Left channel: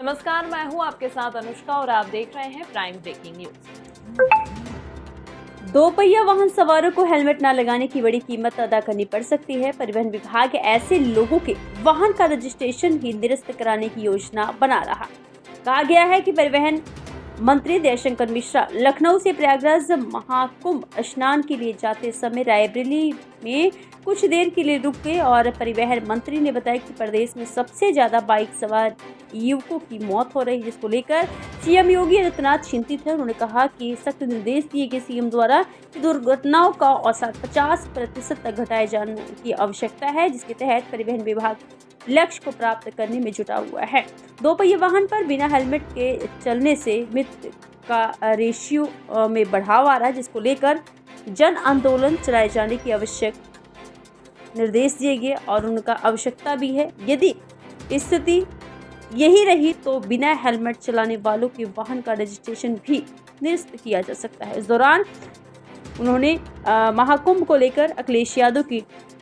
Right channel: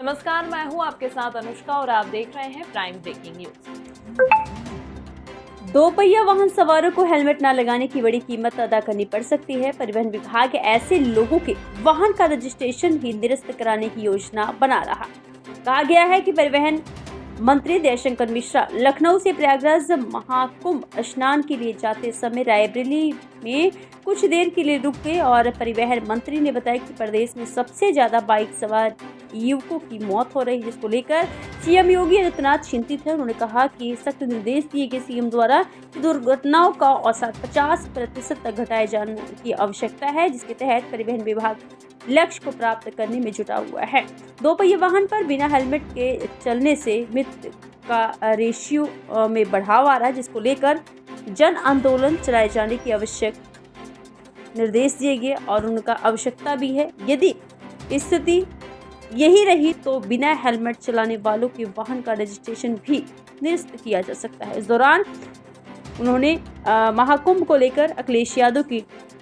नमस्कार, मैं हूं आपके साथ अनुष्का और आप देख रहे हैं प्राइम ब्रेकिंग न्यूज। दोपहिया वाहन सवारों को हेलमेट न लगाने की बड़ी कीमत अदा करनी पड़ सकती है। परिवहन विभाग ऐसे लोगों के वाहन का रजिस्ट्रेशन ही निरस्त कराने की योजना बना रहा। कहा गया है कि परिवहन मंत्री जयशंकर मिश्रा लखनऊ से प्रयागराज महाकुंभ स्नान के लिए जाते समय रायबरेली में कुछ देर के लिए रुक गए और परिवहन मंत्री ने बताया कि प्रदेश में सबसे ज्यादा बाइक सवार युवकों की मौत हो रही है, जिसको लेकर सीएम योगी आदित्यनाथ चिंतित है। उन्होंने कहा कि सख्त निर्देश दिए गए सीएम द्वारा दुर्घटनाओं का औसत 50% तक घटाए जाने की आवश्यकता है, जिसके तहत परिवहन विभाग लक्ष्य को प्राप्त करने में जुटा हुआ है। दोपहिया वाहन पर बिना हेलमेट के चलने से मृत्यु का रेशियो में बढ़ाव आ रहा है, जिसको लेकर जन आंदोलन चलाए जाने की आवश्यक निर्देश दिए गए और उनका आवश्यकता भी है। यदि स्थिति यही रही तो बिना हेलमेट चलाने वालों के वाहन का रजिस्ट्रेशन भी निरस्त किया जा सकता है। इस दौरान उन्होंने महाकुंभ को लेकर अखिलेश यादव की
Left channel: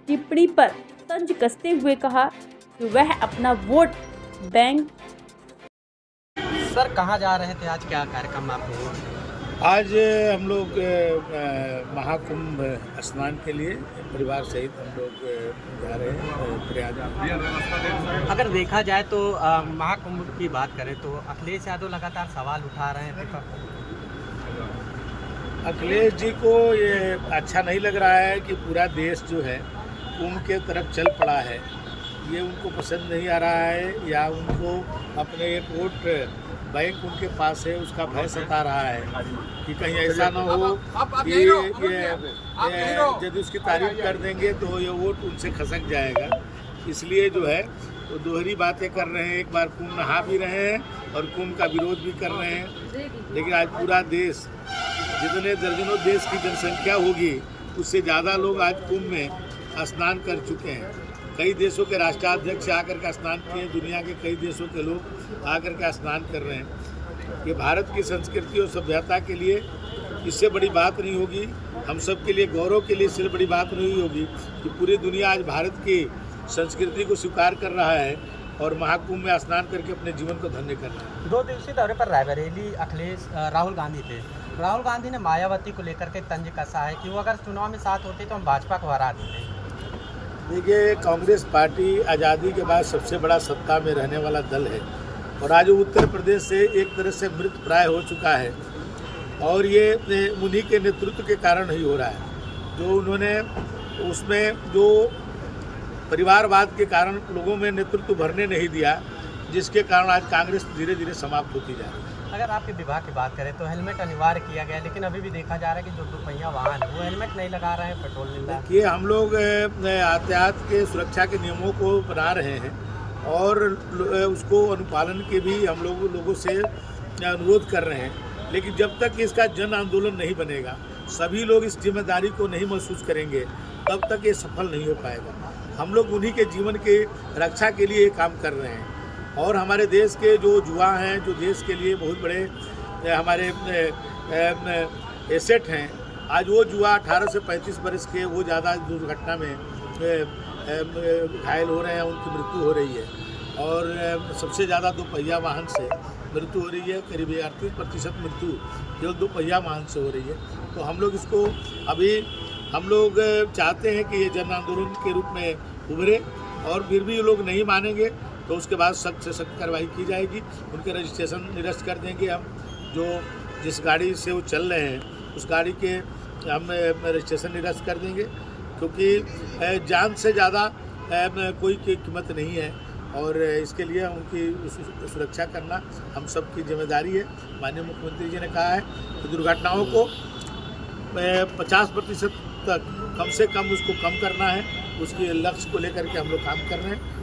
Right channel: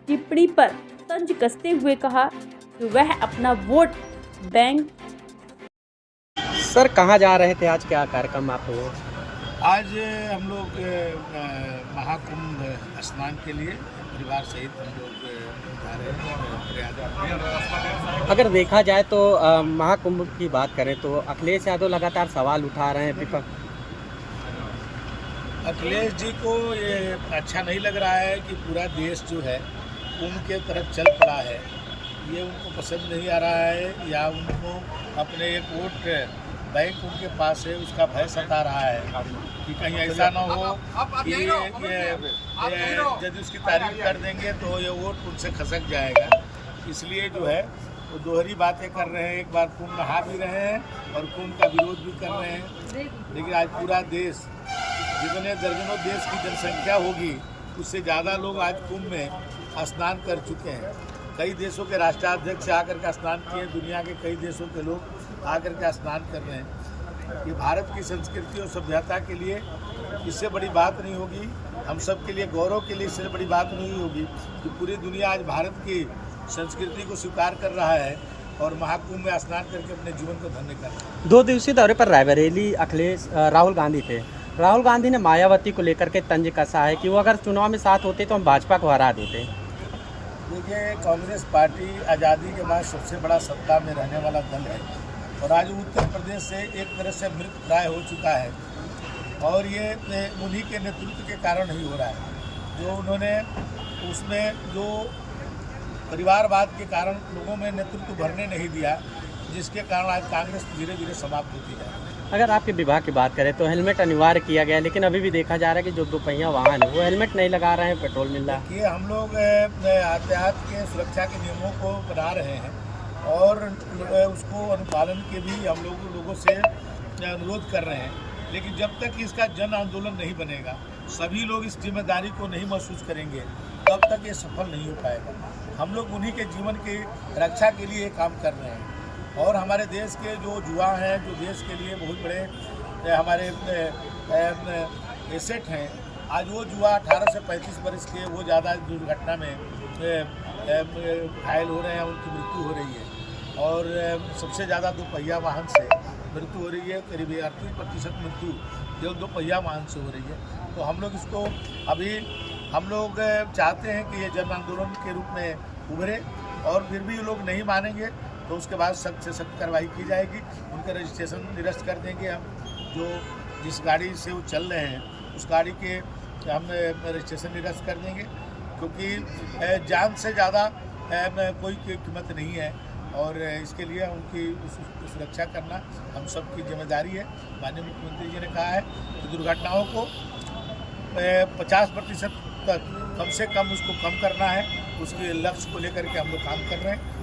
टिप्पणी पर तंज कसते हुए कहा कि वह अपना वोट बैंक। सर, कहाँ जा रहे थे? आज क्या कार्यक्रम आप हुए? आज हम लोग महाकुंभ स्नान के लिए परिवार सहित हम लोग जा रहे हैं प्रयागराज। अगर देखा जाए तो महाकुंभ की बात करें तो अखिलेश यादव लगातार सवाल उठा रहे हैं। अखिलेश जी को ये अच्छा नहीं लग रहा है कि पूरा देश जो है कुंभ के तरफ चल पड़ा है। ये उनको पसंद नहीं आ रहा है या उनको अपने एक वोट बैंक उनके पास है उसका भय सता रहा है कि कहीं ऐसा ना हो कि ये यदि उसकी तारीफ कर देंगे तो ये वोट उनसे खसक जाएगा। इसलिए जो है वो दोहरी बातें कर रहे हैं। एक बार कुंभ नहा भी रहे हैं और कुंभ का विरोध भी कर रहे हैं। लेकिन आज पूरा देश, जितने दर्जनों देश की जनसंख्या होगी उससे ज़्यादा लोग आज कुंभ में स्नान कर चुके हैं। कई देशों के राष्ट्राध्यक्ष आकर के स्नान किए, दुनिया के कई देशों के लोग आकर के स्नान कर रहे हैं। ये भारत की संस्कृति और सभ्यता के लिए इससे बड़ी बात नहीं होगी। हम सब के लिए गौरव के लिए इससे बड़ी बात नहीं होगी कि पूरी दुनिया आज भारत की संस्कृति को स्वीकार कर रहा है और महाकुंभ में स्नान करके अपने जीवन को धन्य कर रहा है। 2 दिवसीय दौरे पर रायबरेली राहुल गांधी थे। राहुल गांधी ने मायावती को लेकर के तंज कसा है कि वो अगर चुनाव में साथ होते तो हम भाजपा को हरा देते। देखिए, कांग्रेस पार्टी आज़ादी के बाद सबसे बड़ा सत्ता में रहने वाला दल है और आज उत्तर प्रदेश से एक तरह से मृत प्राय हो चुका है और ये उन्हीं के नेतृत्व के कारण ही हो रहा है। जो उन्होंने उसमें जो परिवारवाद के कारण लोगों में नेतृत्व भरने नहीं दिया, जिसके कारण आज कांग्रेस धीरे धीरे समाप्त होती जा रही है। अगर आपके विभाग की बात करें तो हेलमेट अनिवार्य किया गया, लेकिन अभी भी देखा जा रहा है कि जो दोपहिया वाहन है वो हेलमेट नहीं लगा रहे हैं, पेट्रोल मिल रहा है। ये हम लोग यातायात के सुरक्षा के नियमों को बना रहे हैं और उसको अनुपालन के भी हम लोगों से अनुरोध कर रहे हैं। लेकिन जब तक इसका जन आंदोलन नहीं बनेगा, सभी लोग इस जिम्मेदारी को नहीं महसूस करेंगे, तब तक ये सफल नहीं हो पाएगा। हम लोग उन्हीं के जीवन के रक्षा के लिए काम कर रहे हैं और हमारे देश के जो युवा हैं, जो देश के लिए बहुत बड़े हमारे एसेट हैं, आज वो युवा 18 से 35 वर्ष के वो ज़्यादा दुर्घटना में घायल हो रहे हैं, उनकी मृत्यु हो रही है और सबसे ज़्यादा दोपहिया वाहन से मृत्यु हो रही है। करीब 38% मृत्यु केवल दोपहिया वाहन से हो रही है। तो हम लोग इसको अभी हम लोग चाहते हैं कि ये जन आंदोलन के रूप में उभरे और फिर भी ये लोग नहीं मानेंगे तो उसके बाद सख्त से सख्त कार्रवाई की जाएगी। उनका रजिस्ट्रेशन निरस्त कर देंगे। हम जो जिस गाड़ी से वो चल रहे हैं उस गाड़ी के हम रजिस्ट्रेशन निरस्त कर देंगे, क्योंकि जान से ज़्यादा कोई कीमत नहीं है और इसके लिए उनकी सुरक्षा करना हम सब की जिम्मेदारी है। माननीय मुख्यमंत्री जी ने कहा है कि दुर्घटनाओं को 50% तक कम से कम उसको कम करना है। उसके लक्ष्य को लेकर के हम लोग काम कर रहे हैं।